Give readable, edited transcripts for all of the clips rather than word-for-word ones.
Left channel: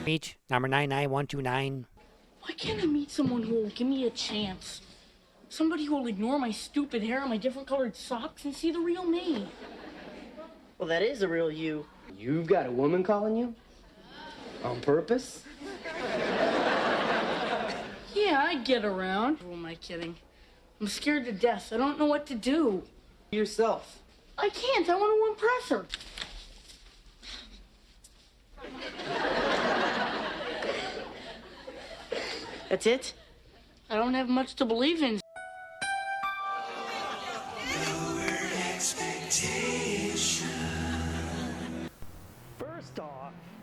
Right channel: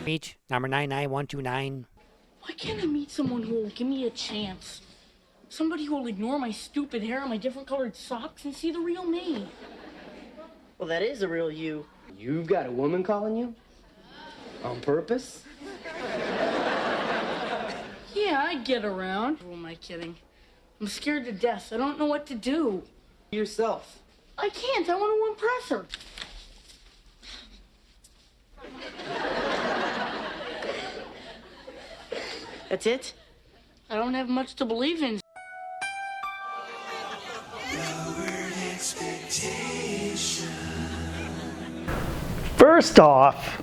Screech, number 99129. Why can't I meet someone who will give me a chance? Somebody who will ignore my stupid hair and my different colored socks and see the real me. Well, that is the real you. You've got a woman calling you? On purpose? Yeah, I get around. Who am I kidding? I'm scared to death. I don't know what to do. Yourself. I can't. I want to impress her. That's it? I don't have much to believe in. First off,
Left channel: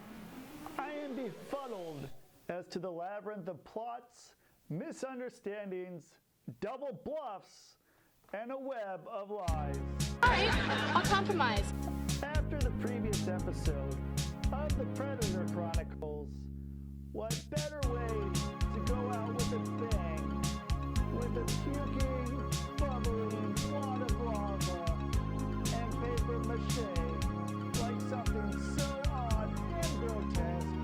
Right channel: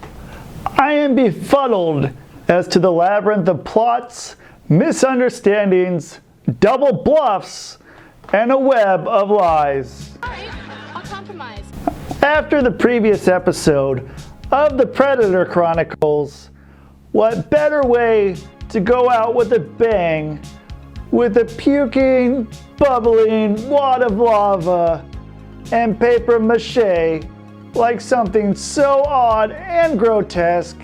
I am befuddled as to the labyrinth of plots, misunderstandings, double bluffs, and a web of lies. All right, I'll compromise. After the previous episode of the Predator Chronicles, what better way to go out with a bang with a puking, bubbling wad of lava and paper mache like something so odd and grotesque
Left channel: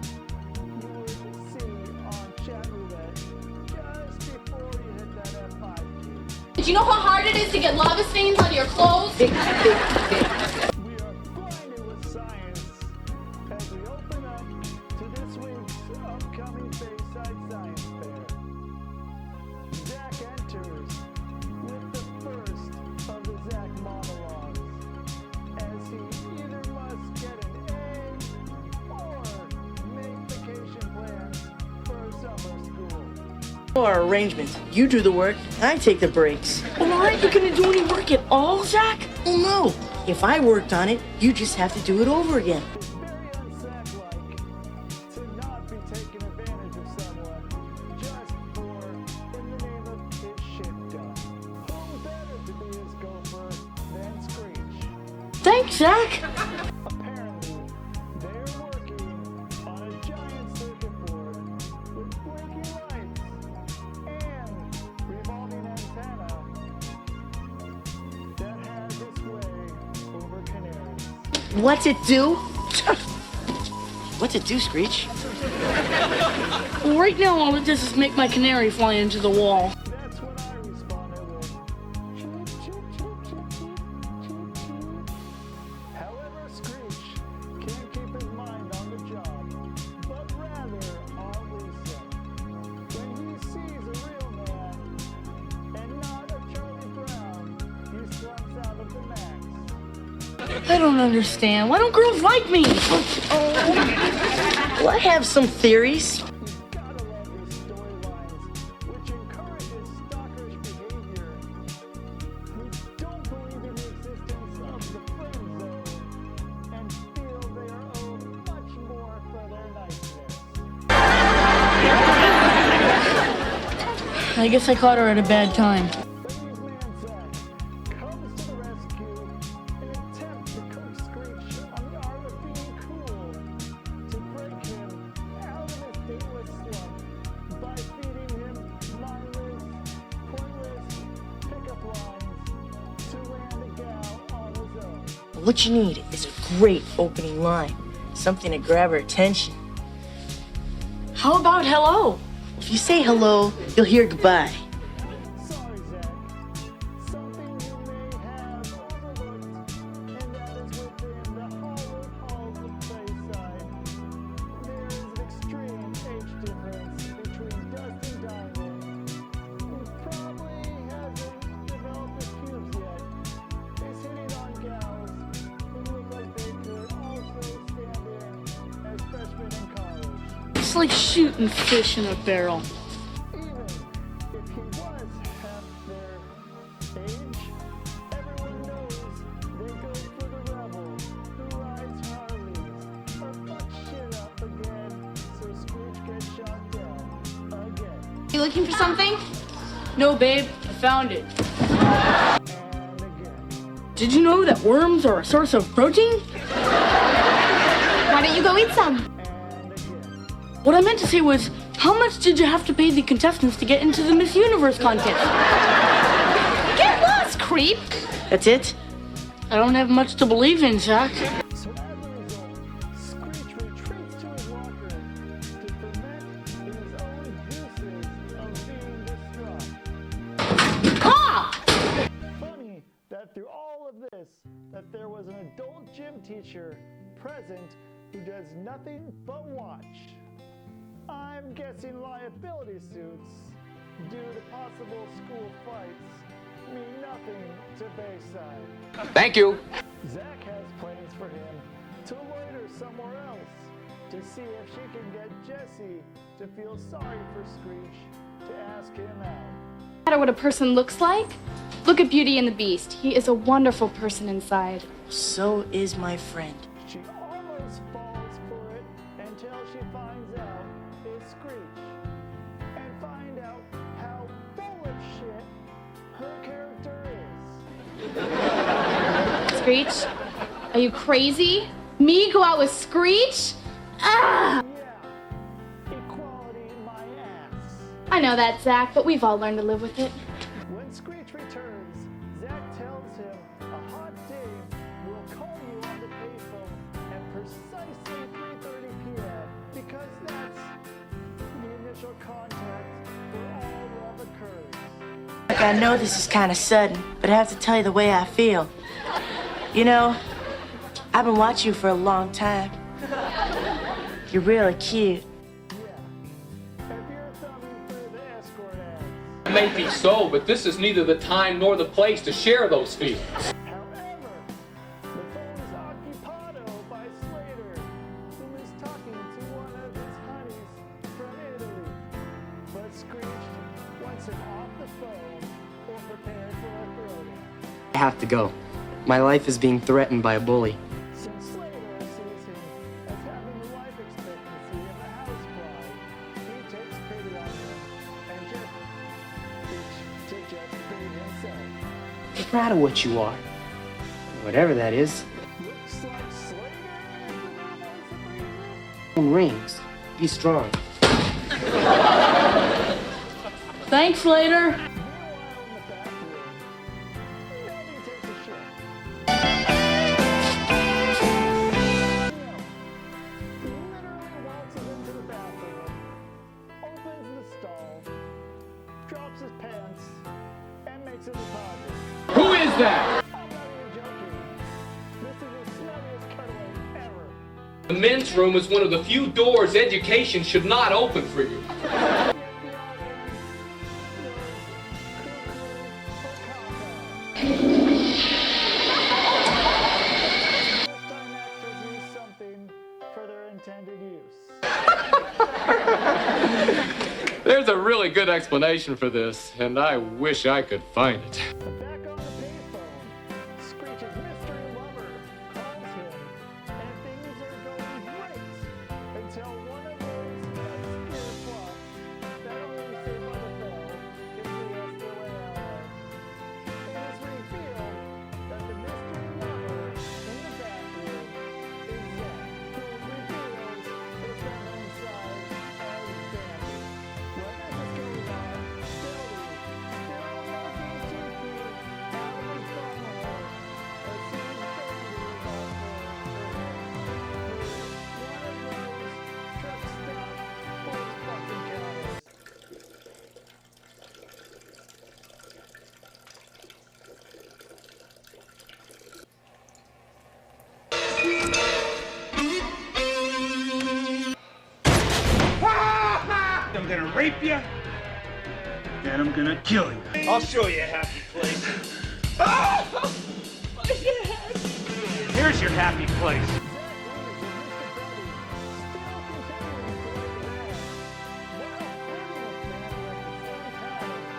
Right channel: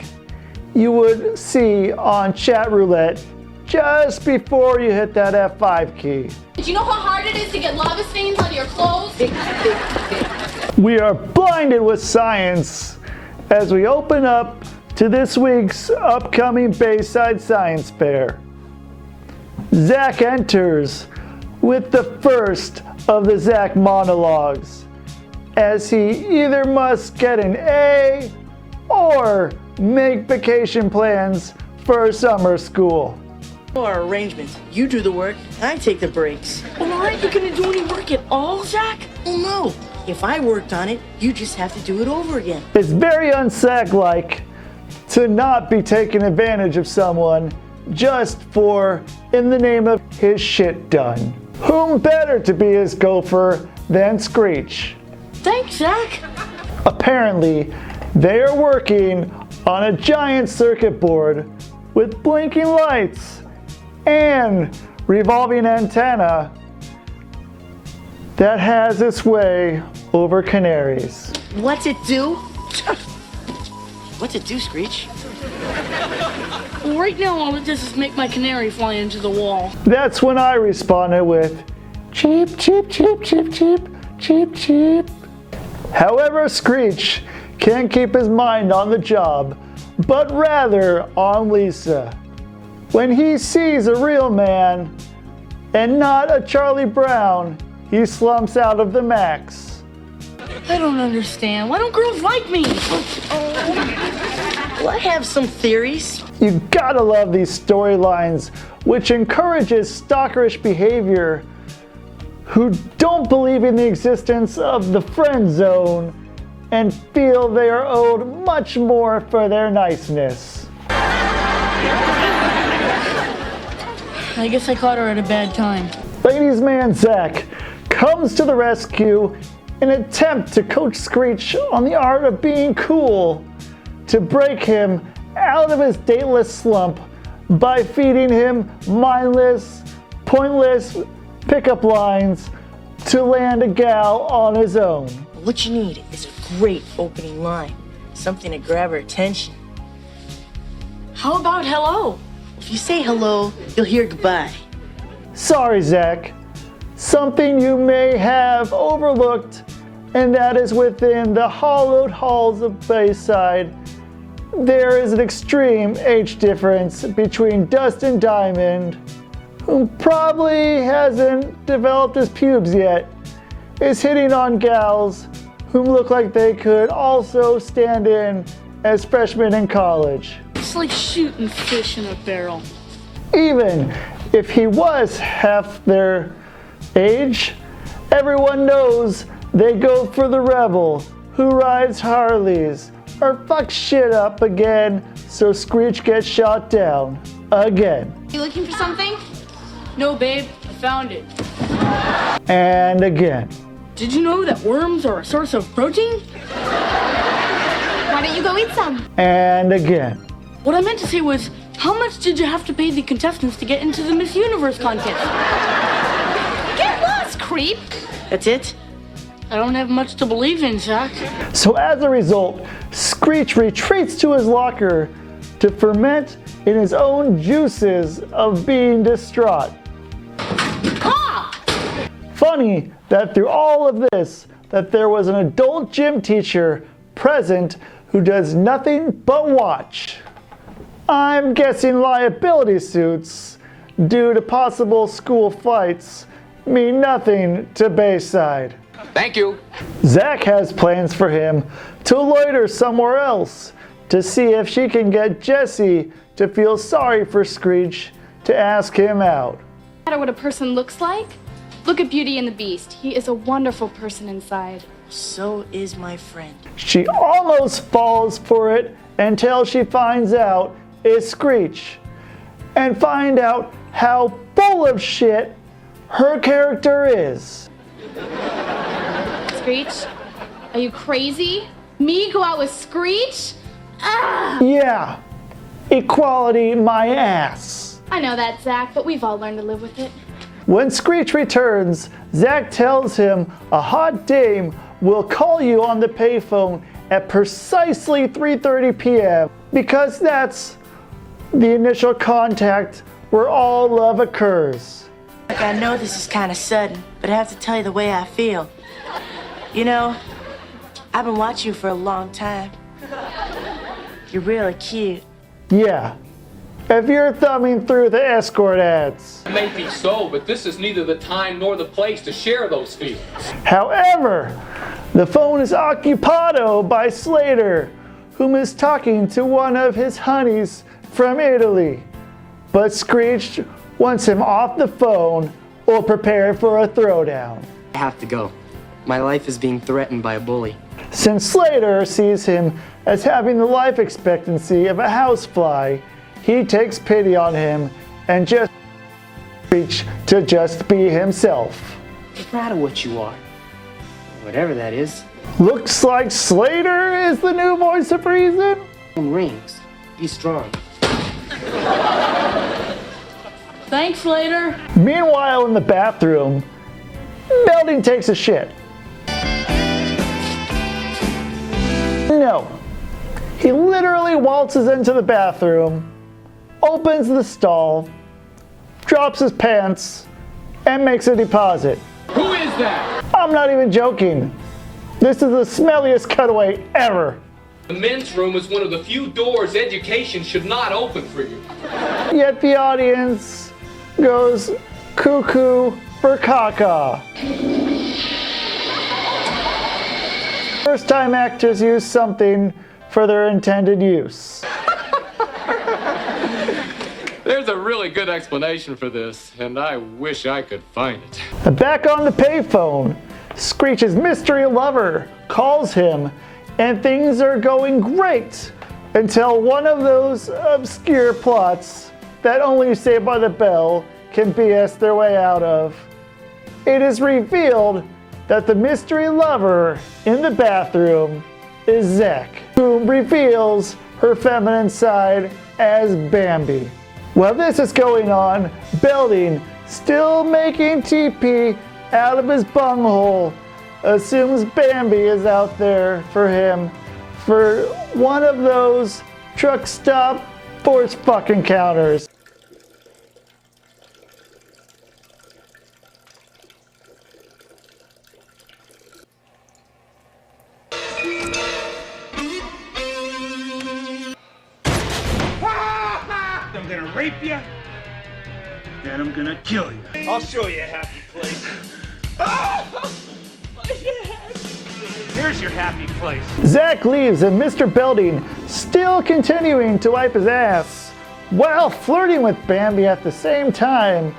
you would see on chat roulette just before you hit that F5 key. Do you know how hard it is to get lava stains on your clothes? We are blinded with science as we open up to this week's upcoming Bayside Science Fair. Zack enters with the first of the Zack monologues, as he either must get an A or make vacation plans for summer school. Our arrangements. You do the work, I take the breaks. Well, aren't you going to do any work at all, Zack? Well, no. If I worked on it, you just have to do it over again. It's very un-Zack-like to not be taking advantage of someone just for, in the name of his shit done. Whom better to be his gopher than Screech? Thanks, Zack. Apparently, they are working on a giant circuit board with blinking lights and revolving antenna that has its way over canaries. What's it do? What's it do, Screech? Well, right now, all it does is make my canary fly into the wall. That's when I responded with, cheep, cheep, cheep, cheep, cheep, cheep, cheep. However, Screech can't keep his mind on the job, but rather on Lisa. When he sees a real man and not a Charlie Brown, he slumps out of the max. I don't understand. Why don't girls like me? Well, I have some theories. You gotta love these storylines, which encourages stalkerish behavior, who don't believe in the existence of the friend zone and feel they are owed much more for their niceness. I guess I caught her at a bad time. Ladies' man Zack comes to the rescue in an attempt to coach Screech on the art of being cool, to break him out of his dateless slump by feeding him mindless, pointless pickup lines to land a gal on his own. What you need is a great opening line, something to grab her attention. How about hello? If you say hello, you'll hear goodbye. Sorry, Zack. Something you may have overlooked, and that is within the hollowed halls of Bayside, there is an extreme age difference between Dustin Diamond, who probably hasn't developed his pubes yet, is hitting on gals who look like they could also stand in as freshmen in college. It's like shooting fish in a barrel. Even if he was half their age, everyone knows they go for the rebel who rides Harleys or fucks shit up again so Screech gets shot down again. You looking for something? No, babe, I found it. And again. Did you know that worms are a source of protein? Why don't you go eat some? And again. What I meant to say was, how much did you have to pay the contestants to get into the Miss Universe contest? Get lost, creep! That's it? I don't have much to believe in, Zack. So as a result, Screech retreats to his locker to ferment in his own juices of being distraught. Funny that through all of this, that there was an adult gym teacher present who does nothing but watch. I'm guessing liability suits due to possible school fights mean nothing to Bayside. Thank you. Zack has plans for him to loiter somewhere else to see if she can get Jessie to feel sorry for Screech to ask him out. No matter what a person looks like, look at Beauty and the Beast. He is a wonderful person inside. So is my friend. She almost falls for it until she finds out it's Screech and find out how full of shit her character is. Screech, are you crazy? Me go out with Screech? Ah! Yeah, equality my ass. I know that, Zack, but we've all learned to live with it. When Screech returns, Zack tells him a hot dame will call you on the payphone at precisely 3:30 p.m. because that's the initial contact where all love occurs. Like, I know this is kind of sudden, but I have to tell you the way I feel. You know, I've been watching you for a long time. You're really cute. Yeah, if you're thumbing through the escort ads. Maybe so, but this is neither the time nor the place to share those feelings. However, the phone is occupado by Slater, whom is talking to one of his honeys from Italy. But Screech wants him off the phone or prepared for a throwdown. I have to go. My life is being threatened by a bully. Since Slater sees him as having the life expectancy of a housefly, he takes pity on him and just Screech to just be himself. Be proud of what you are. Whatever that is. Looks like Slater is the new voice of reason. Rings. Be strong. Thanks, Slater. Meanwhile, in the bathroom, Belding takes a shit. No. He literally waltzes into the bathroom, opens the stall, drops his pants, and makes a deposit. Who is that? I'm not even joking. This is the smelliest cutaway ever. The men's room is one of the few doors education should not open for you. Yet the audience goes cuckoo for caca. First time actors use something for their intended use. There's a really good explanation for this, and I wish I could find it. Back on the payphone, Screech's mystery lover calls him, and things are going great until one of those obscure plots that only Saved by the Bell can BS their way out of. It is revealed that the mystery lover in the bathroom is Zack, who reveals her feminine side as Bambi. While this is going on, Belding, still making TP out of his bunghole, assumes Bambi is out there for him for one of those truck stop force fuck encounters. I'm gonna rape you, then I'm gonna kill you. I'll show you a happy place. Here's your happy place. Zack leaves and Mr. Belding still continuing to wipe his ass while flirting with Bambi at the same time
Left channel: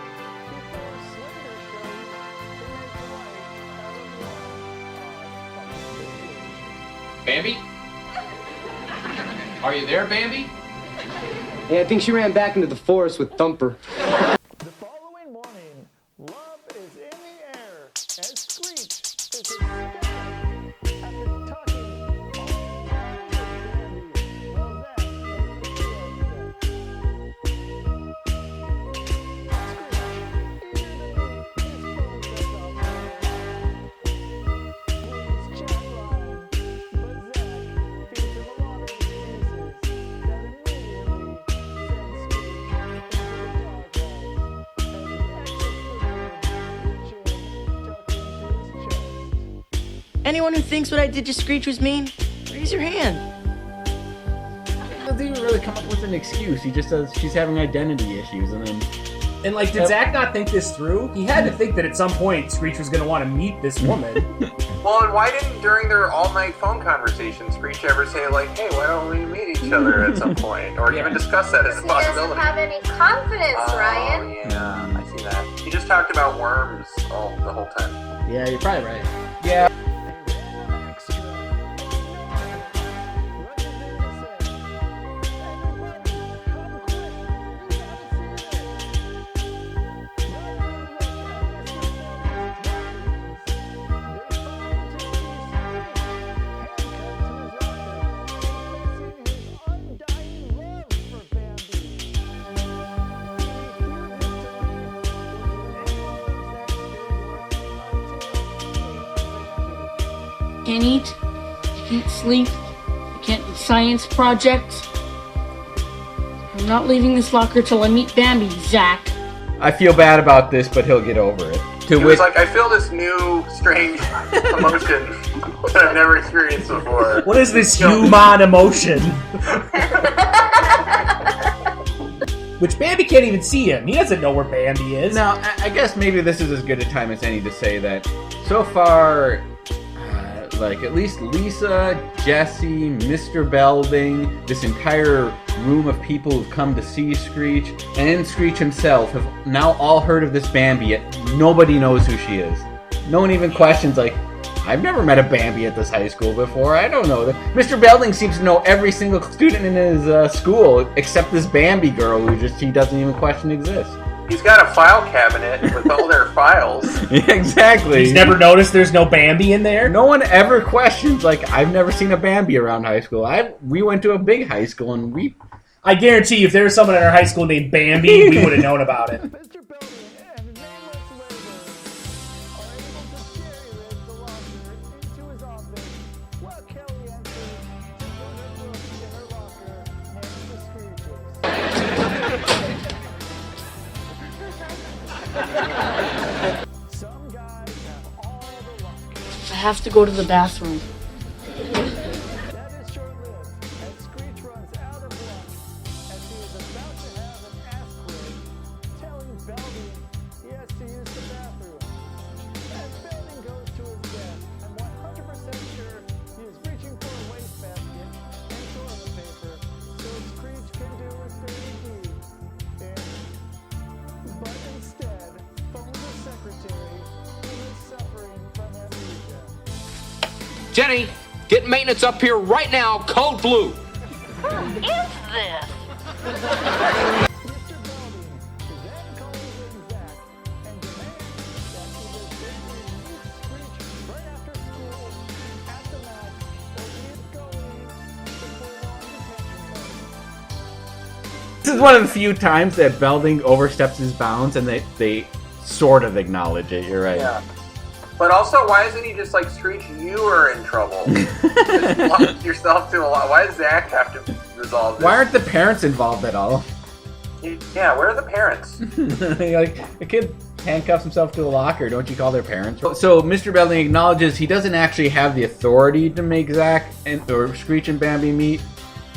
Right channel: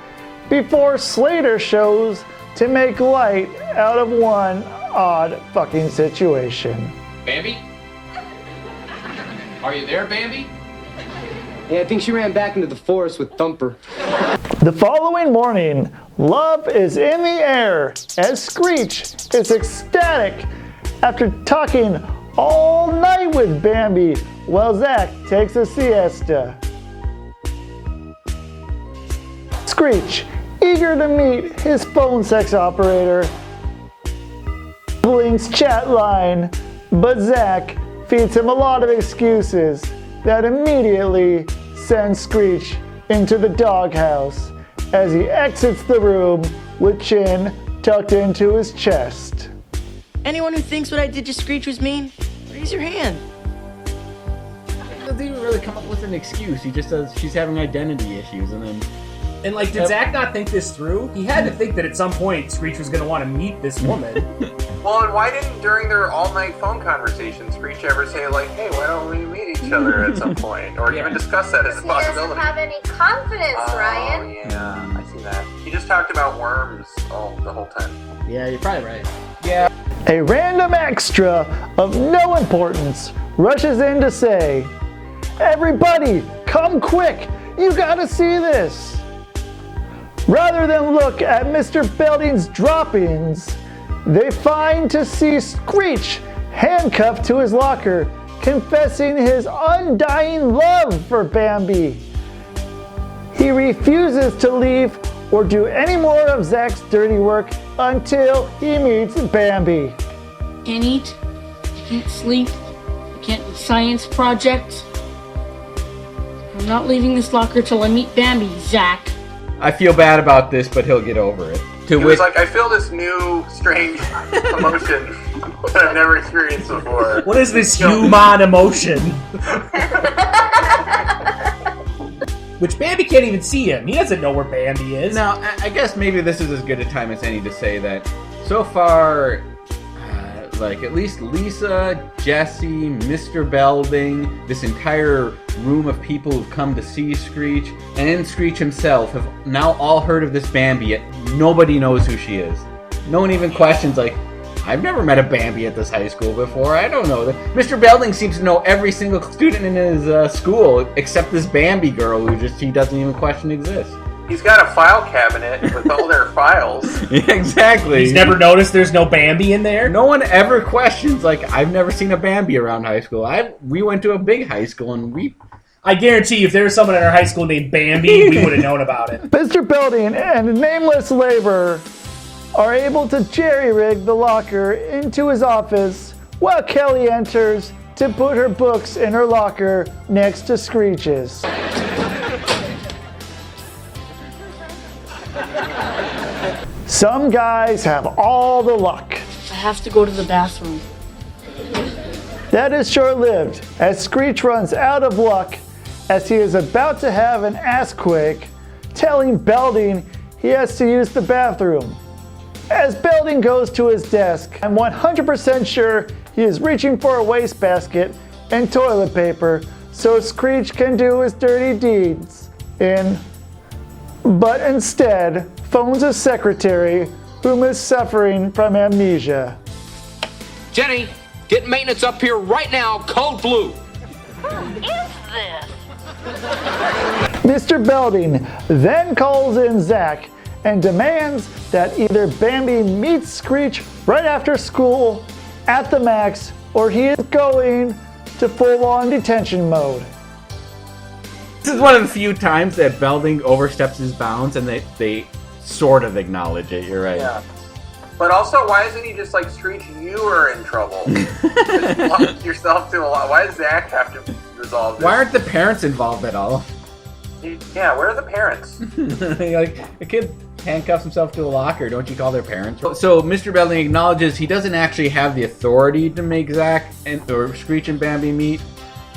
before Slater shows to make light out of one odd fucking situation. Bambi? Are you there, Bambi? Yeah, I think she ran back into the forest with Thumper. The following morning, love is in the air as Screech is ecstatic after talking all night with Bambi while Zack takes a siesta. Screech, eager to meet his phone sex operator, Blink's chat line, but Zack feeds him a lot of excuses that immediately send Screech into the doghouse as he exits the room with chin tucked into his chest. Anyone who thinks what I did to Screech was mean, raise your hand. He doesn't even really come up with an excuse. He just says she's having identity issues, and then... And like, did Zack not think this through? He had to think that at some point Screech was going to want to meet this woman. Well, and why didn't, during their all-night phone conversation, Screech ever say, like, hey, why don't we meet each other at some point? Or even discuss that as a possibility? He doesn't have any confidence, Ryan. Yeah, I see that. He just talked about worms the whole time. Yeah, you're probably right. Yeah. A random extra of no importance rushes in to say, "Everybody, come quick! You gotta see this!" Rather than look at Mr. Belding's droppings, they find to see Screech handcuffed to his locker, confessing his undying love for Bambi. He refuses to leave or do any more of Zack's dirty work until he meets Bambi. Can't eat, can't sleep, can't do science projects. I'm not leaving this locker till I meet Bambi, Zack. I feel bad about this, but he'll get over it. It was like, I feel this new, strange emotion that I've never experienced before. What is this human emotion? Which Bambi can't even see him. He doesn't know where Bambi is. Now, I guess maybe this is as good a time as any to say that so far, like at least Lisa, Jesse, Mr. Belding, this entire room of people who've come to see Screech, and Screech himself have now all heard of this Bambi, yet nobody knows who she is. No one even questions, like, I've never met a Bambi at this high school before, I don't know. Mr. Belding seems to know every single student in his school, except this Bambi girl who he doesn't even question exists. He's got a file cabinet with all their files. Yeah, exactly. He's never noticed there's no Bambi in there? No one ever questions, like, I've never seen a Bambi around high school. We went to a big high school, and I guarantee you, if there was someone in our high school named Bambi, we would have known about it. Mr. Belding and a nameless laborer are able to jerry-rig the locker into his office while Kelly enters to put her books in her locker next to Screech's. Some guys have all the luck. I have to go to the bathroom. That is short-lived, as Screech runs out of luck as he is about to have an assquake, telling Belding he has to use the bathroom. As Belding goes to his desk, I'm 100% sure he is reaching for a wastebasket and toilet paper so Screech can do his dirty deeds but instead phones his secretary, whom is suffering from amnesia. Jenny, get maintenance up here right now, code blue. Who is this? Mr. Belding then calls in Zack and demands that either Bambi meets Screech right after school at the max, or he is going to full-on detention mode. This is one of the few times that Belding oversteps his bounds, and they sort of acknowledge it. You're right. Yeah. But also, why isn't he just like, Screech, you are in trouble? Just lock yourself to a lot. Why does Zack have to resolve this? Why aren't the parents involved at all? Yeah, where are the parents? Like, a kid handcuffs himself to a locker. Don't you call their parents? So Mr. Belding acknowledges he doesn't actually have the authority to make Zack or Screech and Bambi meet,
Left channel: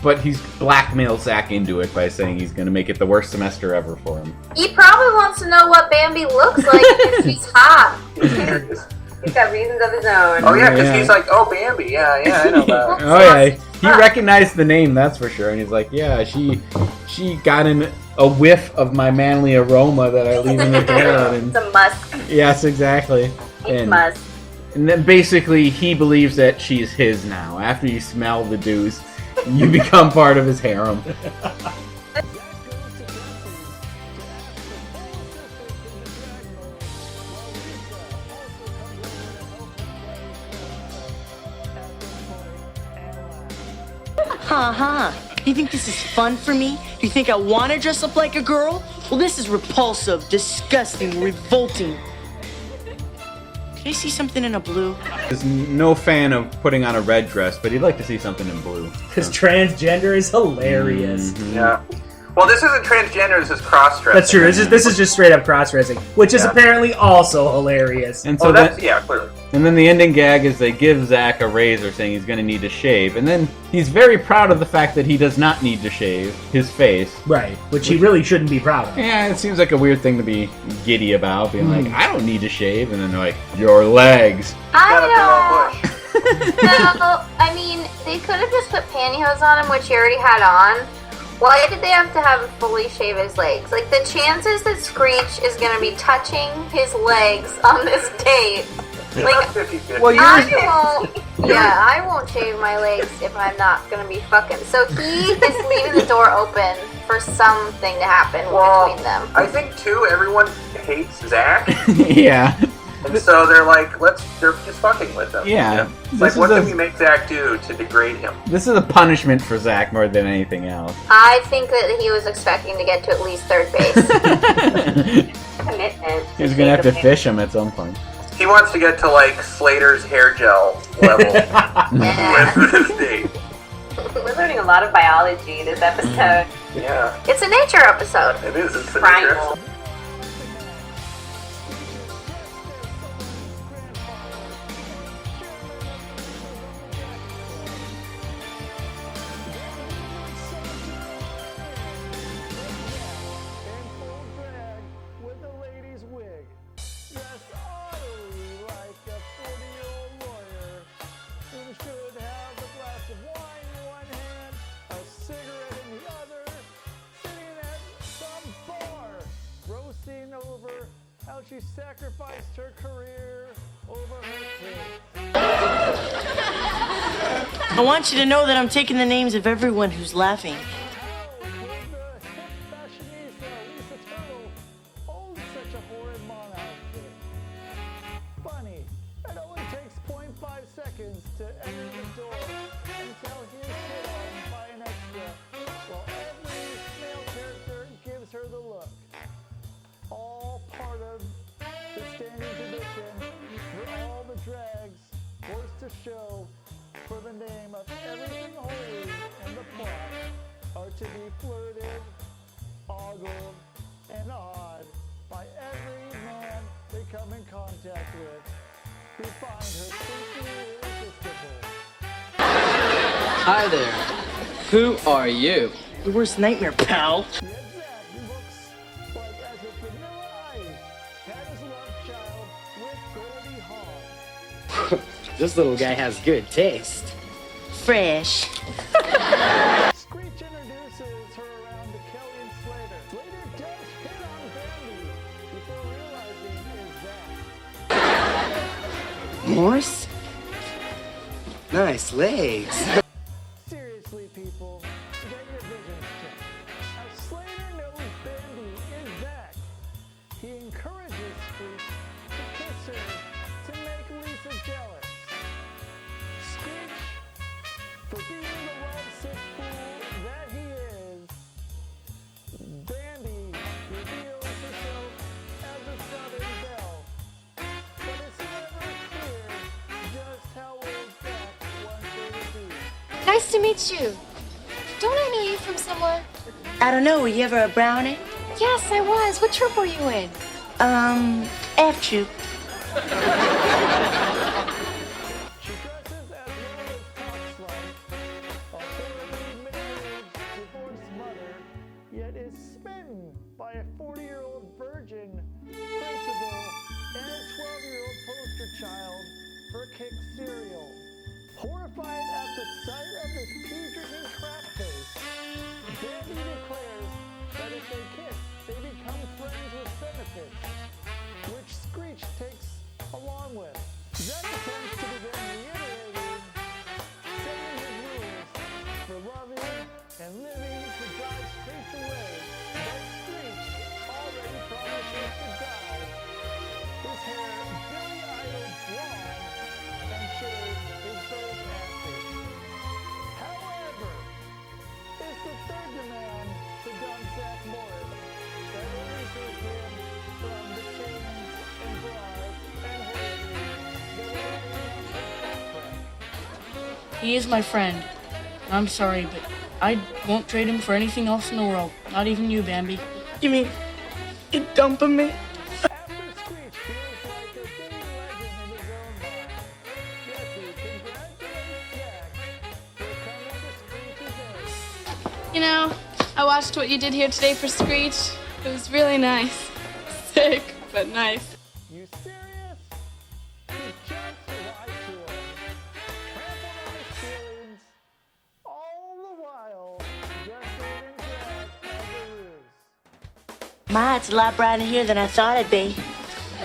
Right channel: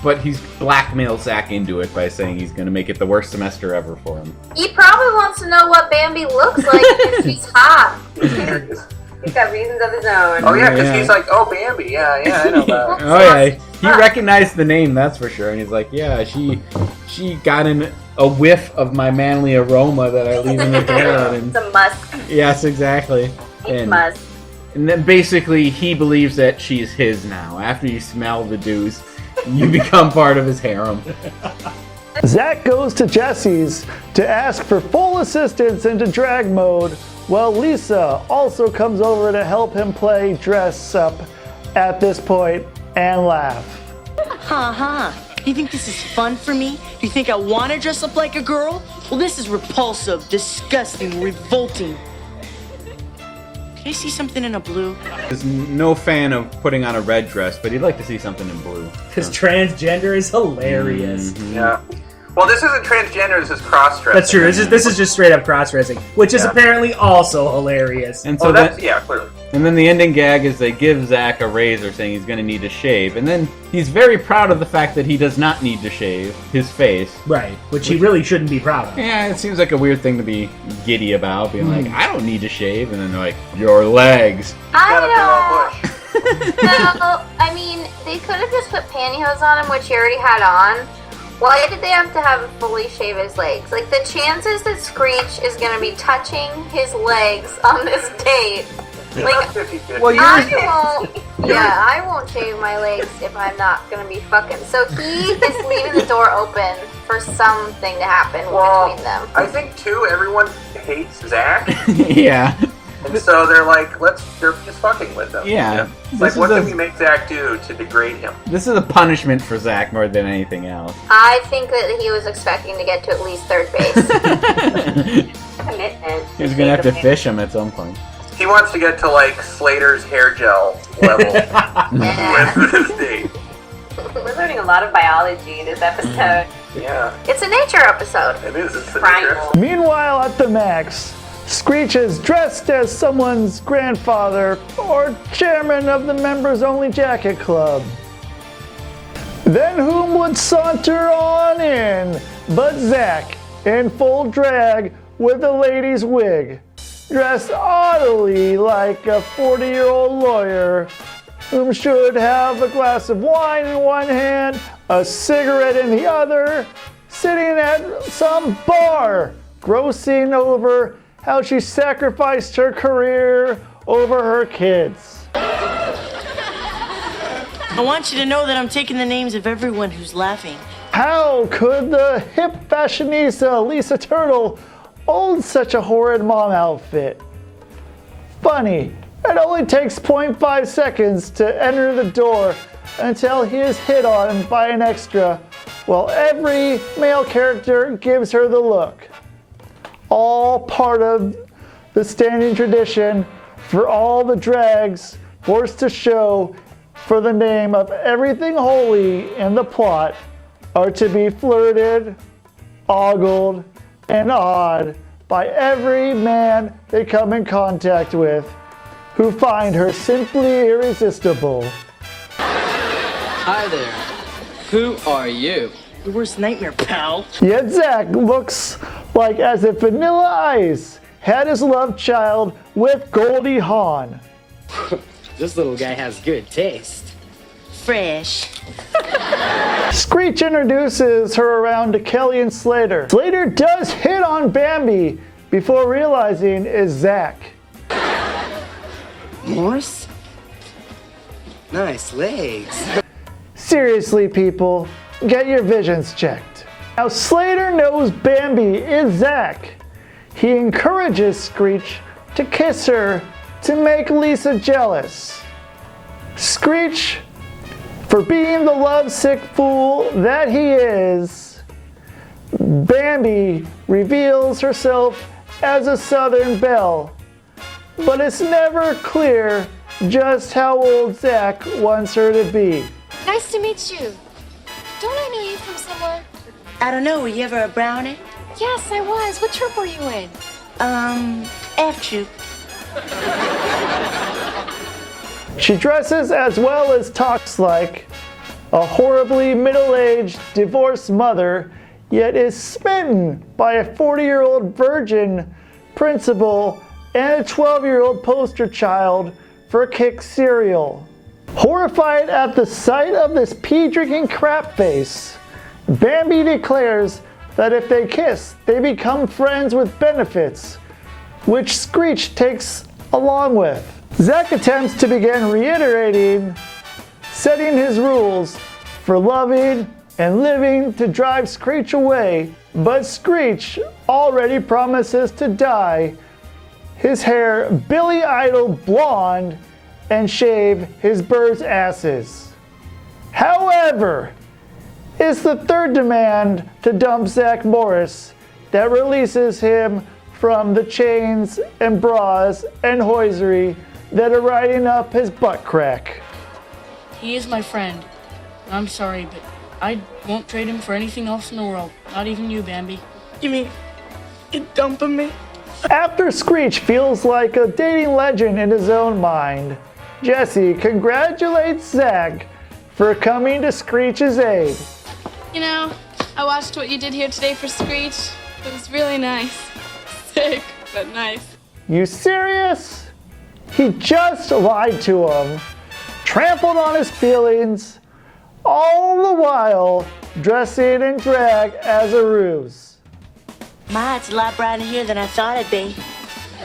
but he's blackmailed Zack into it by saying he's going to make it the worst semester ever for him. He probably wants to know what Bambi looks like because she's hot. He's got reasons of his own. Oh yeah, because he's like, oh, Bambi, yeah, I know that. Oh yeah, he recognized the name, that's for sure, and he's like, yeah, she got in a whiff of my manly aroma that I leave in the toilet. And it's a musk. Yes, exactly. It's musk. And then basically he believes that she's his now. After you smell the deuce, you become part of his harem. Zack goes to Jesse's to ask for full assistance into drag mode, while Lisa also comes over to help him play dress up at this point and laugh. Ha. You think this is fun for me? Do you think I want to dress up like a girl? Well, this is repulsive, disgusting, revolting. Can I see something in a blue? He's no fan of putting on a red dress, but he'd like to see something in blue. Because transgender is hilarious. Yeah. Well, this isn't transgender, this is cross-dressing. That's true. This is just straight up cross-dressing, which is apparently also hilarious. And so clearly. And then the ending gag is they give Zack a razor saying he's going to need to shave. And then he's very proud of the fact that he does not need to shave his face. Right, which he really shouldn't be proud of. Yeah, it seems like a weird thing to be giddy about, being like, I don't need to shave. And then they're like, your legs. No, I mean, they could have just put pantyhose on him, which he already had on. Why did they have to have him fully shave his legs? Like, the chances that Screech is going to be touching his legs on this date. Like, well, I won't shave my legs if I'm not going to be fucking. So he is leaving the door open for something to happen between them. I think, too, everyone hates Zack. Yeah. And so they're like, they're just fucking with him. Yeah. Like, what can we make Zack do to degrade him? This is a punishment for Zack more than anything else. I think that he was expecting to get to at least third base. Commitment. He's going to have to fish him at some point. He wants to get to, like, Slater's hair gel level with this date. We're learning a lot of biology this episode. Yeah. It's a nature episode. It is. It's primal. Meanwhile, at the Max, Screech is dressed as someone's grandfather or chairman of the members-only jacket club. Then whom would saunter on in but Zack in full drag with a lady's wig, dressed oddly like a 40-year-old lawyer whom should have a glass of wine in one hand, a cigarette in the other, sitting at some bar, grossing over how she sacrificed her career over her kids. I want you to know that I'm taking the names of everyone who's laughing. How could the hip fashionista Lisa Turtle own such a horrid mom outfit? Funny, it only takes 0.5 seconds to enter the door until he is hit on by an extra, while every male character gives her the look. All part of the standing tradition for all the drags forced to show for the name of everything holy in the plot are to be flirted, ogled, and awed by every man they come in contact with, who find her simply irresistible. Hi there. Who are you? Your worst nightmare, pal. Yet Zack looks like as if Vanilla Ice had his love child with Goldie Hawn. This little guy has good taste. Fresh. Screech introduces her around to Kelly and Slater. Slater does hit on Bambi before realizing it's Zack. Morris? Nice legs. Seriously, people, get your visions checked. Now, Slater knows Bambi is Zack. He encourages Screech to kiss her to make Lisa jealous. Screech, for being the lovesick fool that he is, Bambi reveals herself as a Southern belle, but it's never clear just how old Zack wants her to be. Nice to meet you. Don't I know you from somewhere? I don't know, were you ever a brownie? Yes, I was. What troop were you in? F troop. She dresses as well as talks like a horribly middle-aged divorced mother, yet is smitten by a 40-year-old virgin principal and a 12-year-old poster child for Kick cereal. Horrified at the sight of this pea-drinking crap face, Bambi declares that if they kiss, they become friends with benefits, which Screech takes along with. Zack attempts to begin reiterating, setting his rules for loving and living to drive Screech away, but Screech already promises to dye his hair Billy Idol blonde and shave his birds' asses. However, it's the third demand to dump Zack Morris that releases him from the chains and bras and hosiery that are riding up his butt crack. He is my friend. I'm sorry, but I won't trade him for anything else in the world. Not even you, Bambi. You mean you're dumping me? After Screech feels like a dating legend in his own mind, Jesse congratulates Zack for coming to Screech's aid. You know, I watched what you did here today for Screech. It was really nice. Sick, but nice. You serious? He just lied to him, trampled on his feelings, all the while dressing in drag as a ruse. Ma, it's a lot brighter here than I thought it'd be.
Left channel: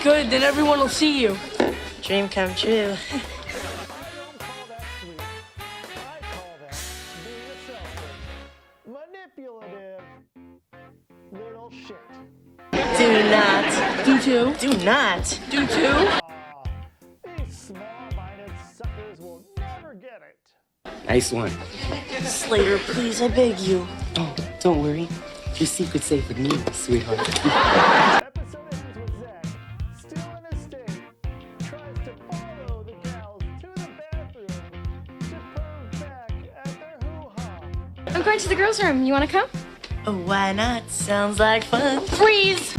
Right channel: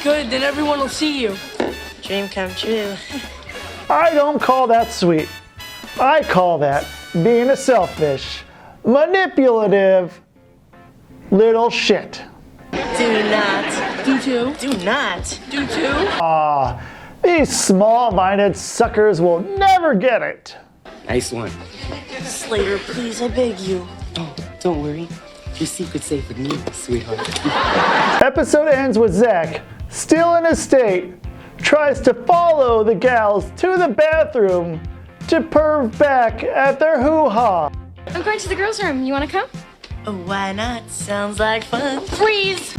Good, then everyone will see you. Dream come true. I don't call that sweet. I call that being a selfish, manipulative little shit. Do not. Do too. Do not. Do too. Ah, these small-minded suckers will never get it. Nice one. Slater, please, I beg you. Oh, don't worry. Your secret's safe with me, sweetheart. Episode ends with Zack, still in his state, tries to follow the gals to the bathroom to perv back at their hoo-ha. I'm going to the girls' room. You want to come? Oh, why not? Sounds like fun. Freeze!